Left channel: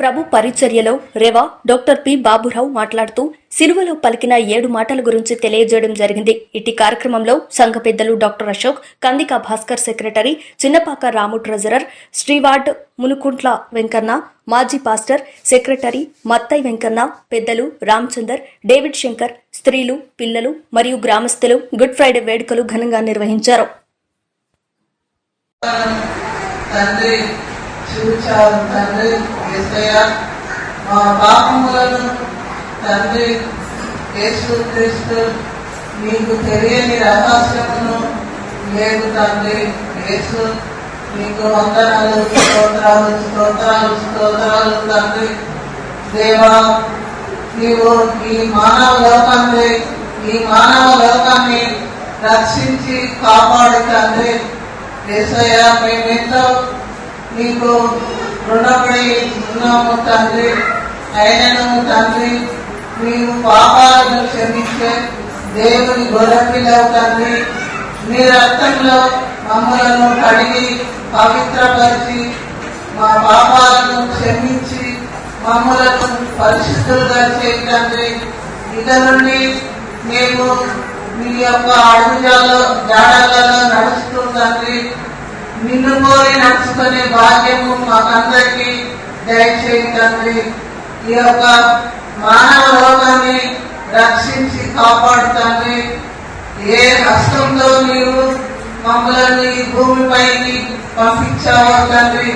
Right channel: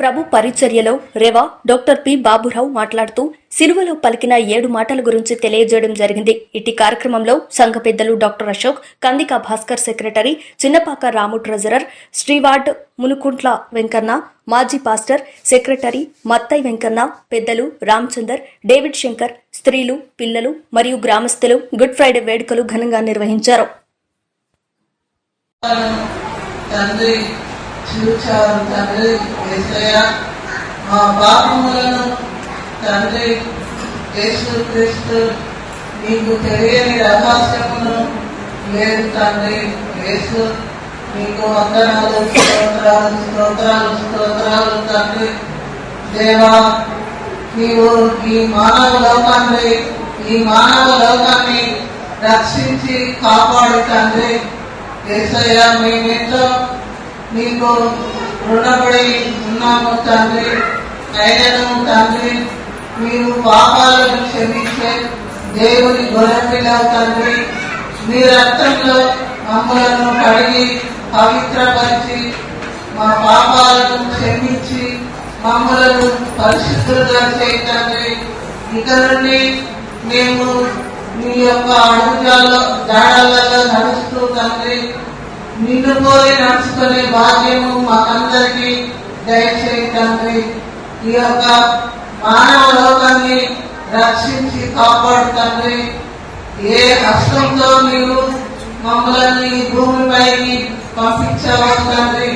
ప్రభు పరిచర్యలో రెవా doctor P Baburao మాట్లాడుతూ సిలువలో పలికిన 7 మాటల గురించి తెలియజేయడం జరిగింది. ఇటీ కార్యక్రమంలో సంఘ పెద్దలు డాక్టర్ అశోక్, కందిక భాస్కర్ సెక్రటరీ, చిన్నపాక రాము ట్రెజరర్, శ్రీవార్డ్ మునుకుంట్ల వెంకన్న, మాజీ పాస్టర్ సెక్రటరీ మత్తై వెంకన్న, పెద్దలు రామచందర్, డేవిడ్ శంకర్, స్త్రీలు, పిల్లలు మరియు గ్రామస్తులు గుడ్ ఫ్రైడే వేడుకలు ఘనంగా నిర్వహించారు. చూచారు తండ్రి యేసయ్య, మా పాపములను తండ్రి యేసుక్రీస్తు నీకు తెలియని రహస్యమును లేదు తండ్రి యేసు, నీకు వందనాలు, స్తోత్రాలు స్తోత్రాలు స్తోత్రాలు తండ్రి. దేవా, నీవు ఈ మానవ లోకాన్ని రక్షించి కాపాడు తండ్రి యేసయ్య. మేమెంతో నీకు రుణపడి ఉన్నాము తండ్రి. అయినను తండ్రి, నీవు పాపాలను క్షమించే దేవుని గొర్రెపిల్లవు తండ్రి. నీ రక్తంలో మమ్మలను కడిగి పవిత్రపరిచి మా పాపాలను క్షమించి మమ్మలను పరిశుద్ధులుగా చేయి తండ్రి. ఇక నుండి మేము నీ యొక్క అడుగుజాడలలో నడుస్తూ తండ్రి నిన్ను కోరి నడుచుకునే భాగ్యము మాకందరికీ దయచేయి తండ్రి. ఈ యొక్క మానవ లోకాన్ని రక్షించి కాపాడు తండ్రి. ఏ హస్తంతో నీవు మమ్మల్ని ఈ భూమిపైకి పంపించావో తండ్రి,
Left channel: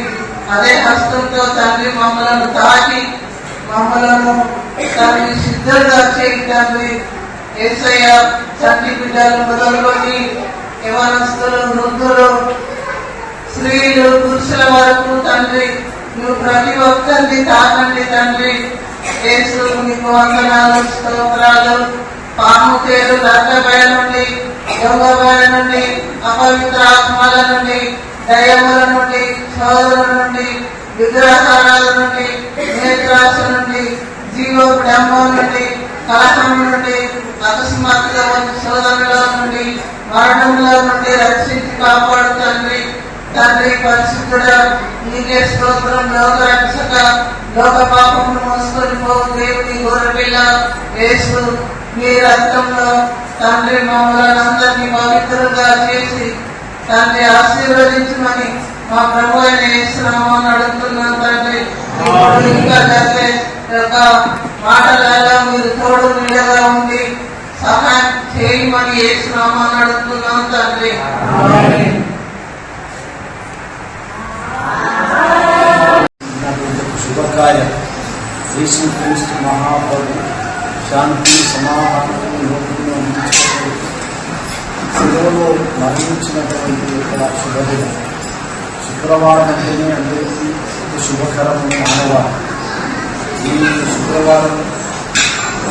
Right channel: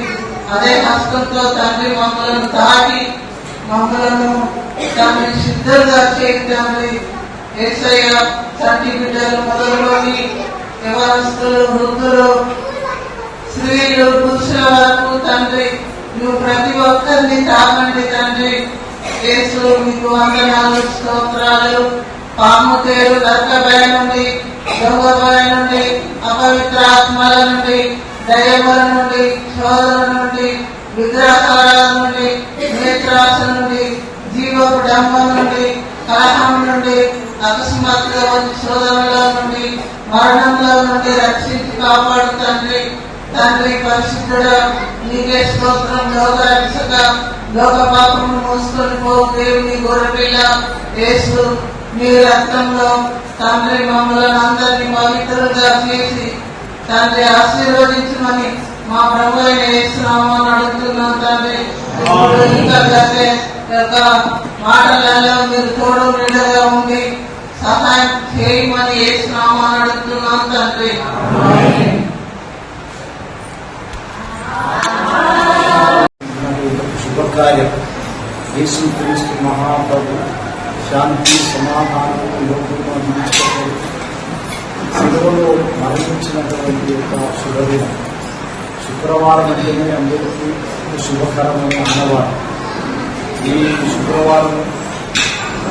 అదే హస్తంతో తండ్రి మమ్మలను తాకి మమ్మలను తండ్రి సిద్ధంగా చేయి తండ్రి. యేసయ్య, చట్టి బిడ్డలు మొదలుకొని యవనస్తులు, వృద్ధులు, స్త్రీలు, పురుషుల వరకు తండ్రి నువ్వు ప్రతి ఒక్కరిని తాకండి తండ్రి. యేసు, మీకు వందనాలు, స్తోత్రాలు. పాము తేలు, రక్త భయం నుండి, దొంగ భయం నుండి, అపవిత్ర ఆత్మల నుండి, దయ్యముల నుండి, శోధన నుండి, విగ్రహారాల నుండి, నేత్రాశ నుండి, జీవోడంబం నుండి, కలహం నుండి, అకస్మాత్తుగా శోధనలో నుండి, మరణంలో నుండి రక్షించి కాపాడు తండ్రి. తండ్రి పరిశుద్ధుడా, నీకే స్తోత్రం. లోక రక్షక, లోక పాపమును మోసుకొని పో దేవుని గొర్రెపిల్ల యేసు, నీ రక్తంలో తండ్రి మమ్మల్ని అందరినీ పవిత్రులుగా చేసి తండ్రి ఆశీర్వదించమని మా ప్రభు అయిన యేసు నామమున అడుగుతున్నాం తండ్రి. ఇంకా జరిగే యొక్క మాటలలో మీరు తోడు నీడగా ఉండి సహాయం చేయమని యేసు నామమున అడుగుతున్నాం తండ్రి. శుభకార్యం యేసుక్రీస్తు మహాప్రభు శాంతి సమాధానం లోకంలో అందించబడి శిలువలో మరణించినటువంటి యొక్క శుభదినం. శుక్రవారం అంటేనే అందరికీ శుభకరమైన ఆనవారం. ఈ శుక్రవారం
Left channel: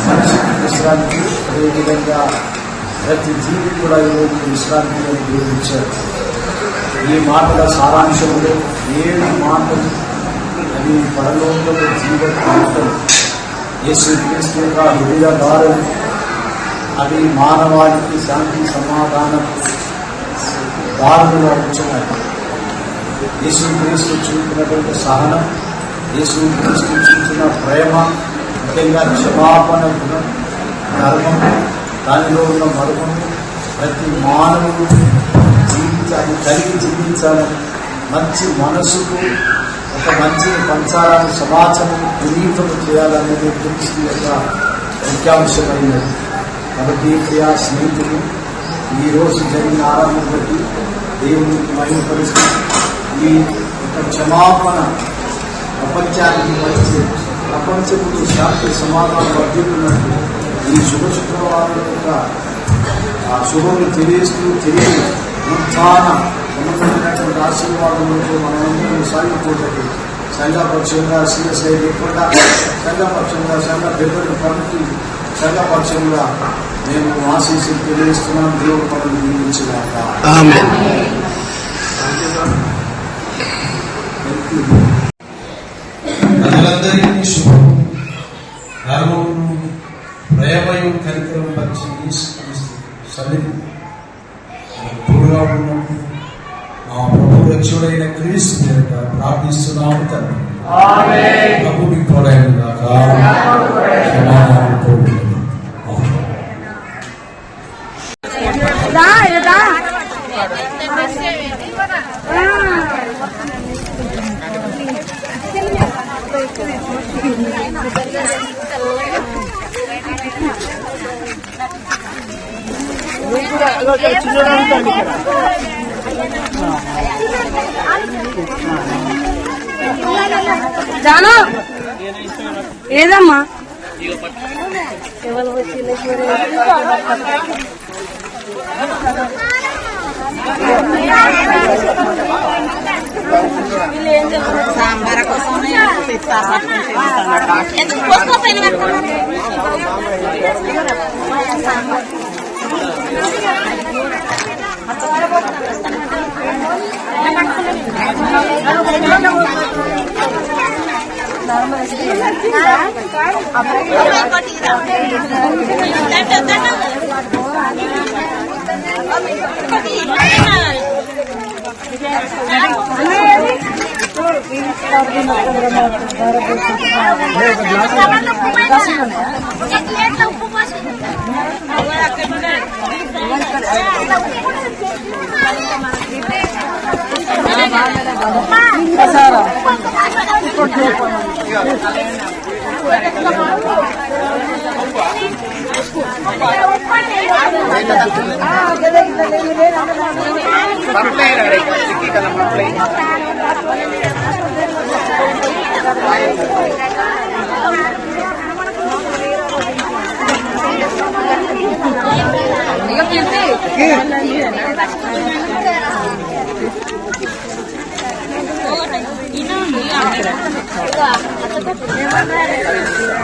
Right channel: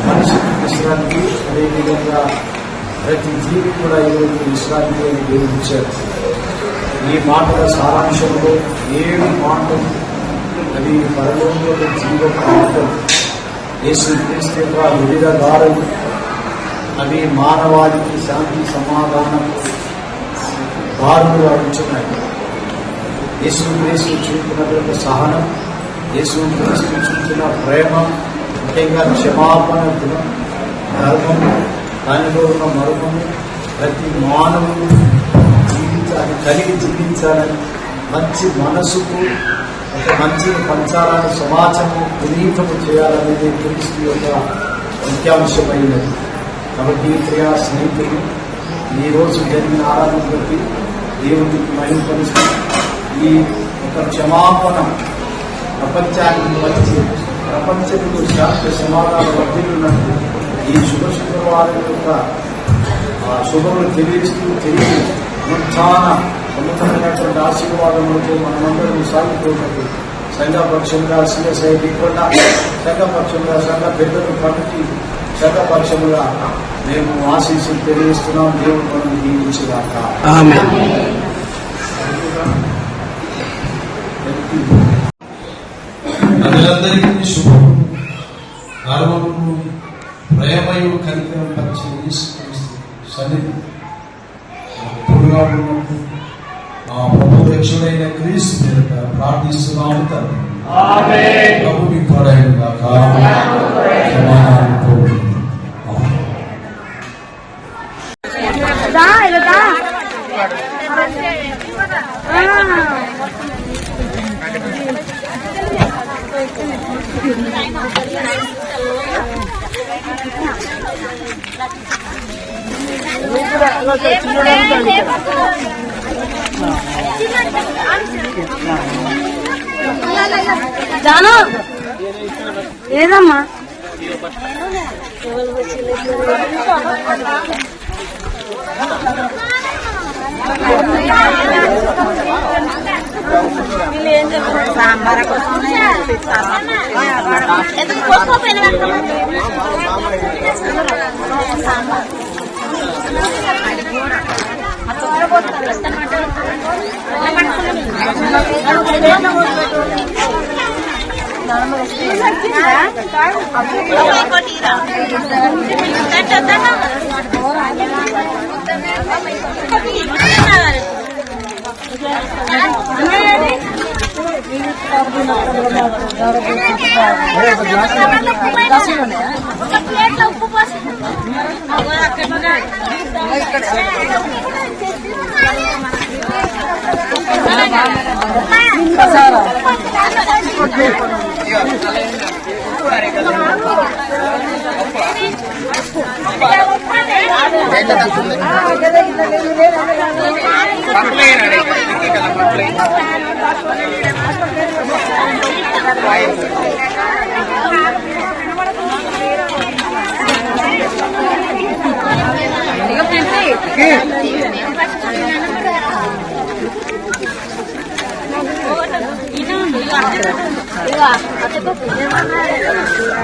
మనిషికి విశ్రాంతి, అదేవిధంగా ప్రతి జీవి కూడా ఈరోజు విశ్రాంతి ఉపయోగించారు. ఈ మాటల సారాంశంలో 7 మాటలు ఈ పరలోక జీవన మాటలు, యేసుక్రీస్తు యొక్క వివిధ దారులు, అవి మానవాళికి శాంతి సమాధానం దారులుగా ఉంచున్నాయి. యేసుక్రీస్తు చూపినటువంటి సహనం, యేసుక్రీస్తు చూపిన ప్రేమ, ముఖ్యంగా క్షమాపణ గుణం, ధర్మము, దానిలో ఉన్న మర్మము ప్రతి మానవుడు జీవితాన్ని కలిగి జీవించాలని, మంచి మనసుకు ఒక మంచిని పంచాలని, సమాజము పునీతము చేయాలనేది క్రీస్తు యొక్క ముఖ్యాంశమైనది. కాబట్టి ప్రియా స్నేహితులు, ఈరోజు జరిగిన ఆరాధన బట్టి దేవుని మహిమపరుస్తూ ఈ యొక్క క్షమాపణ ప్రపంచానికి వచ్చి ప్రపంచంలో శాంతి సమాధానం వర్ధిల్లున్నట్టు ఈ శుక్రవారం యొక్క శుభములు తెలియస్తూ తెలియ ఉత్థాన ఉన్నతమైనటువంటి ఆశీర్వాదంలో మనమందరం సాగిపోయినట్టు సంఘపక్షంగా సిఎస్ఐ లేకుండా సంఘపక్షంగా సంఘ పెద్దలు పనికి సంఘపక్షంగా మేము ఆశీస్సులు తెలియజేస్తున్నాం. దేవుడు మనం దీవించుగాక. ప్రజలందరికీ శుభం. నాలుగు ప్రేమయు కనికరం పరిచయం సన్నిధి ఉన్నప్పుడు మా ప్రభు రక్షుడైన క్రీస్తు ప్రార్థిస్తున్నాము తండ్రి. ప్రభు మీకు తోడైంది కాక. సమాధానంతో ఉండండి. జాను ఏదమ్మా వీళ్ళు ఏం చెప్తున్నారు? సాంబార్ కోసం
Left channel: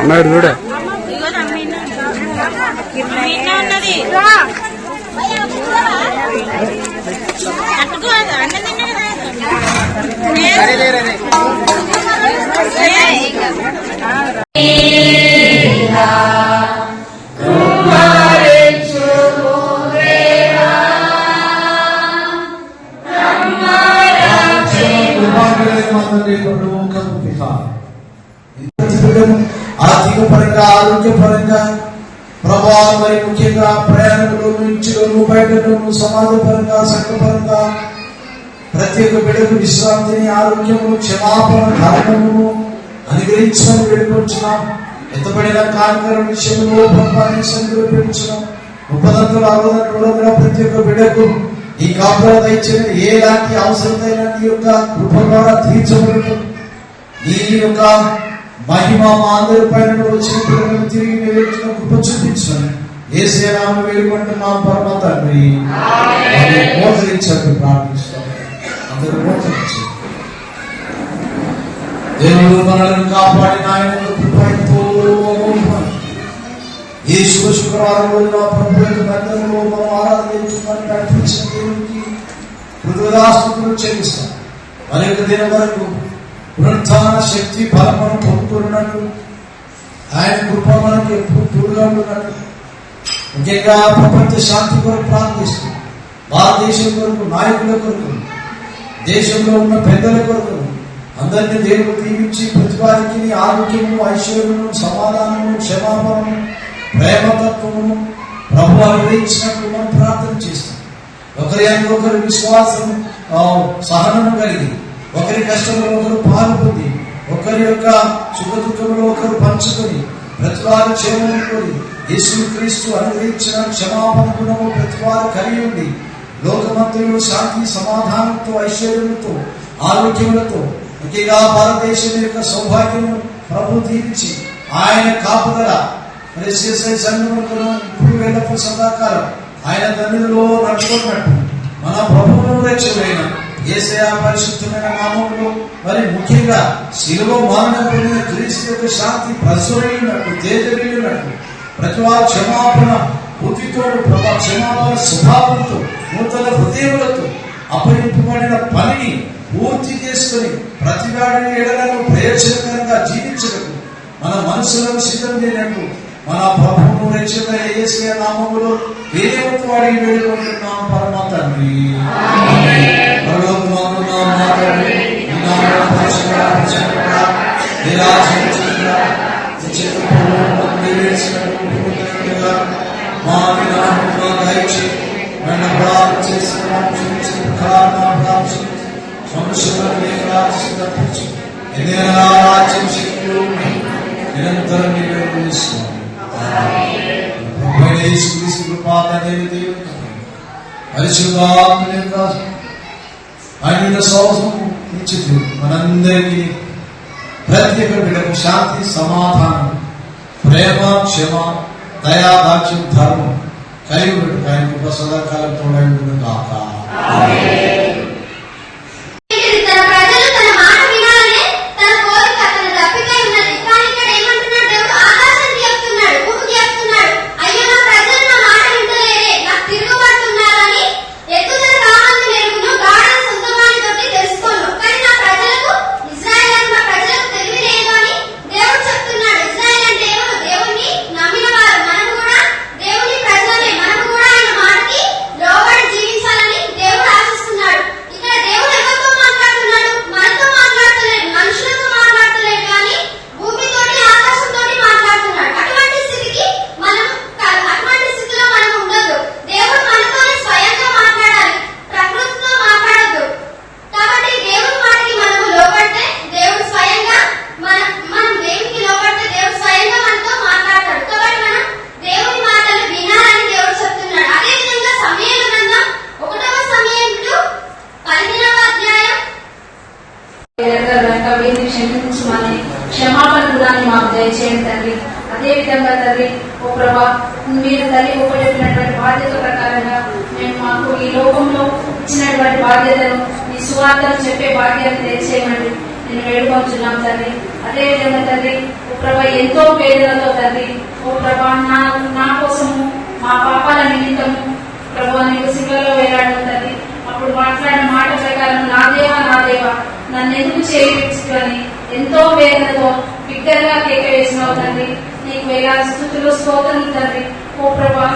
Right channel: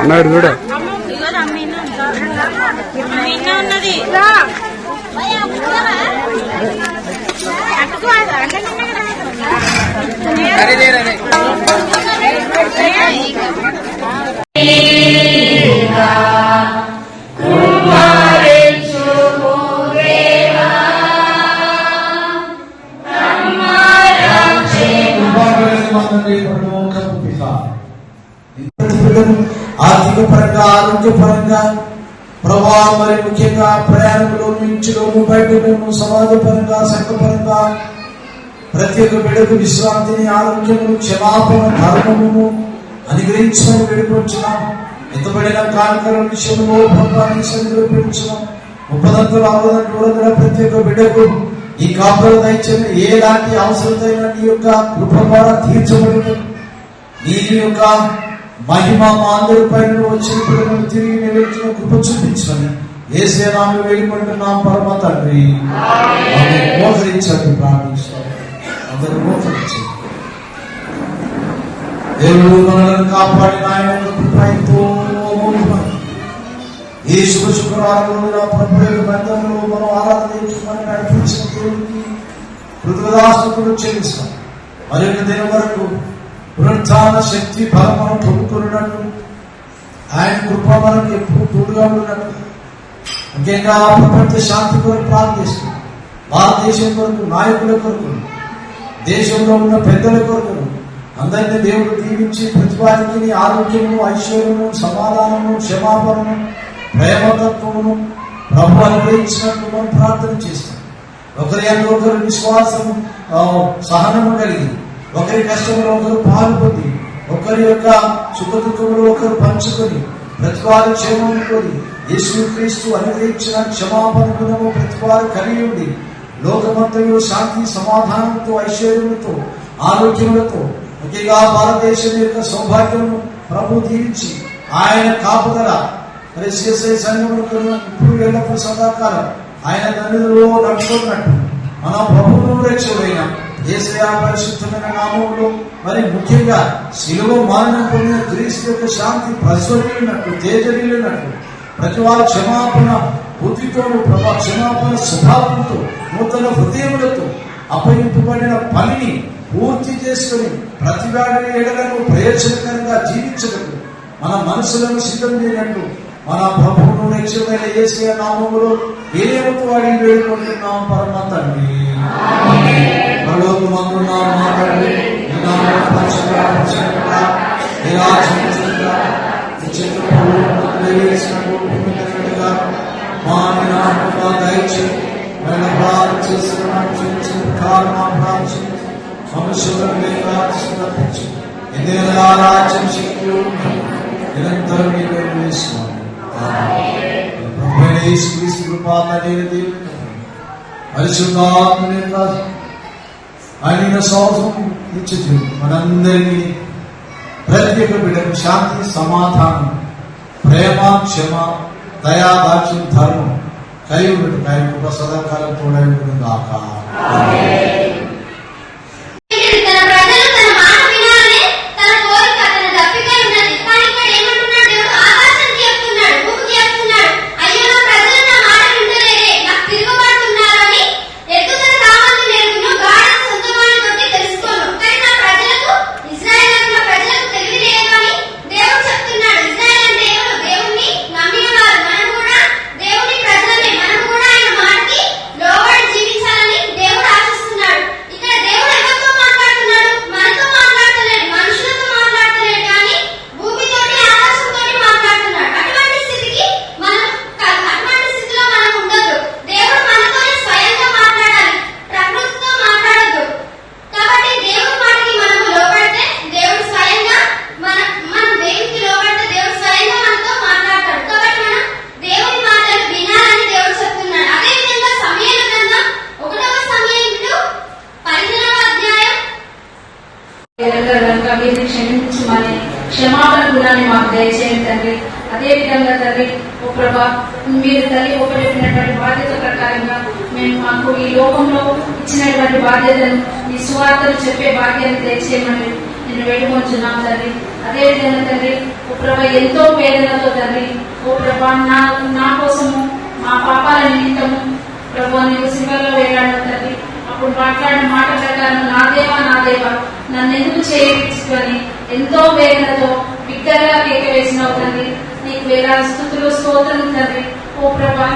అన్నాడు చూడ ఆర్థిక పరంగా, ఆరోగ్యపరంగా ప్రభావ, మరి ముఖ్యంగా ప్రయాణంలో, ఇంటిలోను, బయటలోను, సమాజపరంగా, సంఘపరంగా ప్రతి ఒక్క బిడ్డకు విశ్రాంతిని, ఆరోగ్యము, క్షమాపణ, ధర్మమును అనుగ్రహించమని వేడుకుంటున్నాం. ఎంతబడిన కార్యక్రమం విషయంలో ప్రభావించడం పెంచున్నాం. 30 ప్రతి ఒక్క బిడ్డకు ఈ కాపుల దయచేసి ఎలాంటి అవసరమైన నీ యొక్క కృప ద్వారా తీర్చబడదు. నీ యొక్క మహిమ మా అందరి పైన వచ్చినప్పుడు తిరిగి నిలబెట్టిన కృప చూపించండి. యేసయ్య నామములో వేడుకుంటున్నాం పరమ తండ్రి. మోకరించండి, ప్రార్థిస్తాను. అందరూ మోకరించండి. దేవుడు మనల్ని కాపాడిన ఆయన కృప ఎంతో ఈ శుక్రవారం రోజున ప్రభుత్వ మందిరంలో మనం ఆరాధన నడిపించిన దేవుడికి కృతజ్ఞతాస్తుతులు చెల్లిస్తాం. మరి ఒక దినం వరకు పునరుత్థాన శక్తి బలము పొందుకున్నట్టు ఆయన కృప మనకి ఎప్పుడు తోడుగా ఉన్నట్టు, ముఖ్యంగా ప్రపంచ శాంతి కొరకు ప్రార్థిస్తాం. భారతదేశం కొరకు, నాయకుల కొరకు, దేశంలో ఉన్న పెద్దల కొరకు అందరినీ దేవుడు దీవించి ప్రతి వారికి ఆరోగ్యము, ఐశ్వర్యము, సమాధానము, క్షమాపణము, ప్రేమతత్వమును ప్రభు అనుగ్రహించినట్టు మనం ప్రార్థన చేస్తాం. ఒకరి అందరూ ఒకరి విశ్వాసము, సహనము కలిగి, ఒకరి కష్టంలో ఒకరు పాల్గొని, ఒకరి యొక్క సుఖదుఖంలో ఒకరు పంచుకొని, ప్రతి వారి క్షేమం కోరి యేసుక్రీస్తు అనుగ్రహించిన క్షమాపణ గుణము ప్రతి వారు కలిగి ఉండి లోకమంతలో శాంతి, సమాధానంతో, ఐశ్వర్యములతో, ఆరోగ్యములతో, ముఖ్యంగా భారతదేశం యొక్క సౌభాగ్యమును ప్రభు తీర్చి ఆయన కాపుదల మరి సంఘములకు ఇప్పుడు ఎల్లప్పుడు సదాకాలం ఆయన తండ్రిలో నడుచుకున్నట్టు మన ప్రభువు రక్షకుడైన యేసయ్య పరిశుద్ధమైన నామములో మరి ముఖ్యంగా శిలువ మరణం పొందిన క్రీస్తు యొక్క శాంతి ప్రజ్వలినట్టు, తేజరిల్లినట్టు ప్రతి వారు క్షమాపణ బుద్ధితో, క్షమాపణ స్వభావంతో, నూతన హృదయములతో అప్పగింపబడిన పనిని పూర్తి చేసుకుని ప్రతి వాడిని ఎడలను ప్రయోజనకరంగా జీవించటకు మన మనసులను సిద్ధం చేయనట్టు మన ప్రభువును రక్షకుడైన యేసయ్య నామములో వేరేతో అడిగి వేడుకుంటున్నాం పరమ తండ్రి. పరలోకమందున్న మా తండ్రి, నీ నామము పరిశుద్ధపరచబడుగాక. పరిశుభ్రంగా ప్రార్థించు. ఎన్నికల రాజ్యం శక్తులు ఉన్నాయి. నిరంతరం నీవే నిలుస్తున్నావు. ప్రభువైన యేసుక్రీస్తు కృపా తండ్రి పరిశుద్ధాత్మ ఆయన సౌసం ఇచ్చి మనందరికీ ప్రతి ఒక్క బిడ్డకు శాంతి, సమాధానం, ప్రేమ, క్షమ, దయా, దాక్ష్యం, ధర్మం కలిగి ఉంటుంది. ఆయన కృప సదాకాలం కూడా ఉంటుంది కాక. క్షమించమని క్షమాపణ గుణాన్ని మాకు దయచేయండి తండ్రి. అదే విధంగా తండ్రి ఓ ప్రభా, మీరు తల్లి చెప్పినటువంటి బాధ్యత ప్రకారంగా మేము మాకు ఈ లోకంలో ఇచ్చినటువంటి బాధ్యతను మీ సువార్తను చెప్పే బాధ్యతను దయచేయమని నేను వేడుకొంచున్నాం తండ్రి. అదే విధంగా తండ్రి ఓ ప్రభా, ఎంతో పేదలతో తండ్రి ఓ ప్రభా, నా కోసము మా పాపాల నిమిత్తము ప్రభా నీకు సిలువలో వేలాడు తండ్రి. అప్పుడు మాట్లాడిన మాట ప్రకారం నా దేవా నన్ను ఎందుకు చేయవచ్చు అని ఎంతో వేదనతో బిడ్డగా కేక వేసినావు తండ్రి. నీకు వేలాది స్తుతులు, స్తోత్రం తండ్రి. ఓ ప్రభా,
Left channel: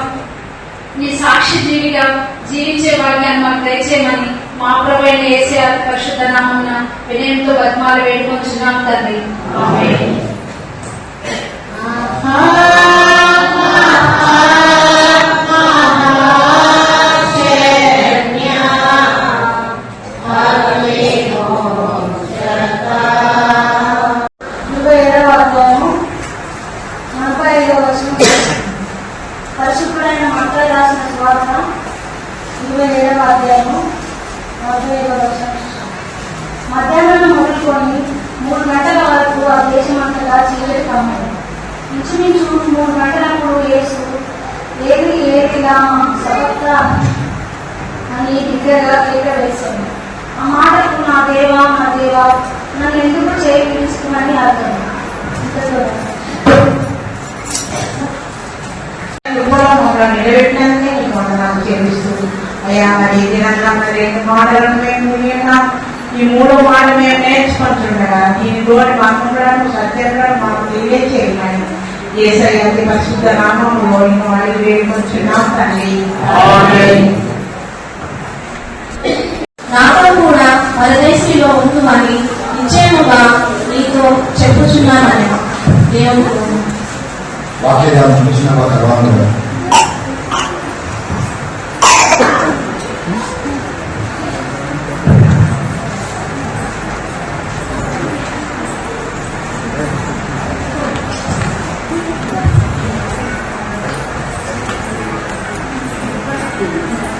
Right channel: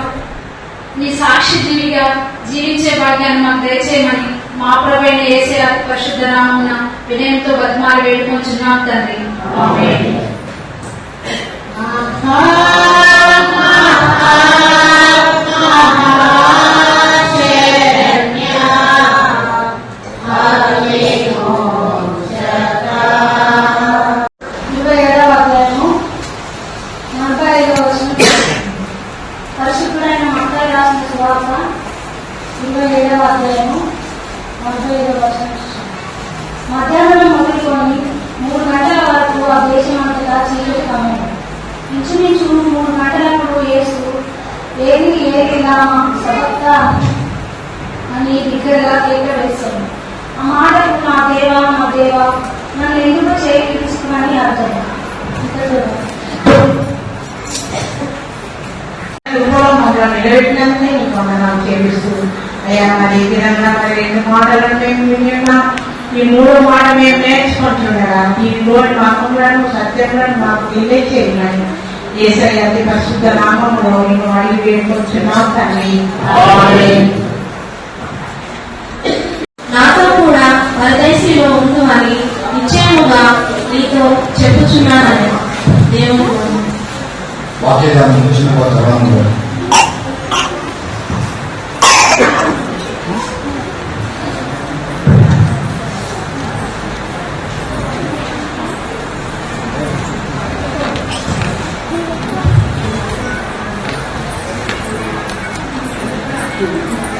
నీ సాక్షి జీవిగా జీవించే భాగ్యాన్ని మాకు దయచేయమని మా ప్రభువైన యేసయ్య పరిశుద్ధ నామమున వినయంతో బతిమాలి వేడుకొంచున్నాం తండ్రి. ఆమేన్. పరిశుభ్రమైన మత్తయి రాసిన సువార్త 27వ అధ్యాయము 45వ వచనం. మధ్యాహ్నం మొదలుకొని 3 గంటల వరకు ఆ దేశమంతటా చీకటి కమ్మాడు. ఇంచుమించు 3 గంటలప్పుడు యేసు ఏలిలా సబక్తా అని బిగ్గరగా కేక వేశాడు. ఆ మాటకు నా దేవా నన్ను ఎందుకు చేయి తీసుకున్నాని అర్థం. నిలబెట్టినందుకే నీకు వందనాలు చెల్లిస్తూ అయ్యా, మరి దినంగా మరి 2 మాటలను మేము విని ఉన్నాం. ఈ 3వ మాట మేము నేర్చుకుంటుండగా దీని లోని మాకు సత్యంగా మాకు తెలియచేయమని యేసయ్య అతి పరిశుద్ధ నామములో నేను అడిగి వేడుకొంచున్నాం తండ్రి. నాతో కూడా పరదేశీలో ఉంటుమని నిశ్చయముగా నీతో చెప్పుచున్నానని దేవుడు వాక్యాన్ని చూసిన తర్వాత Thank you.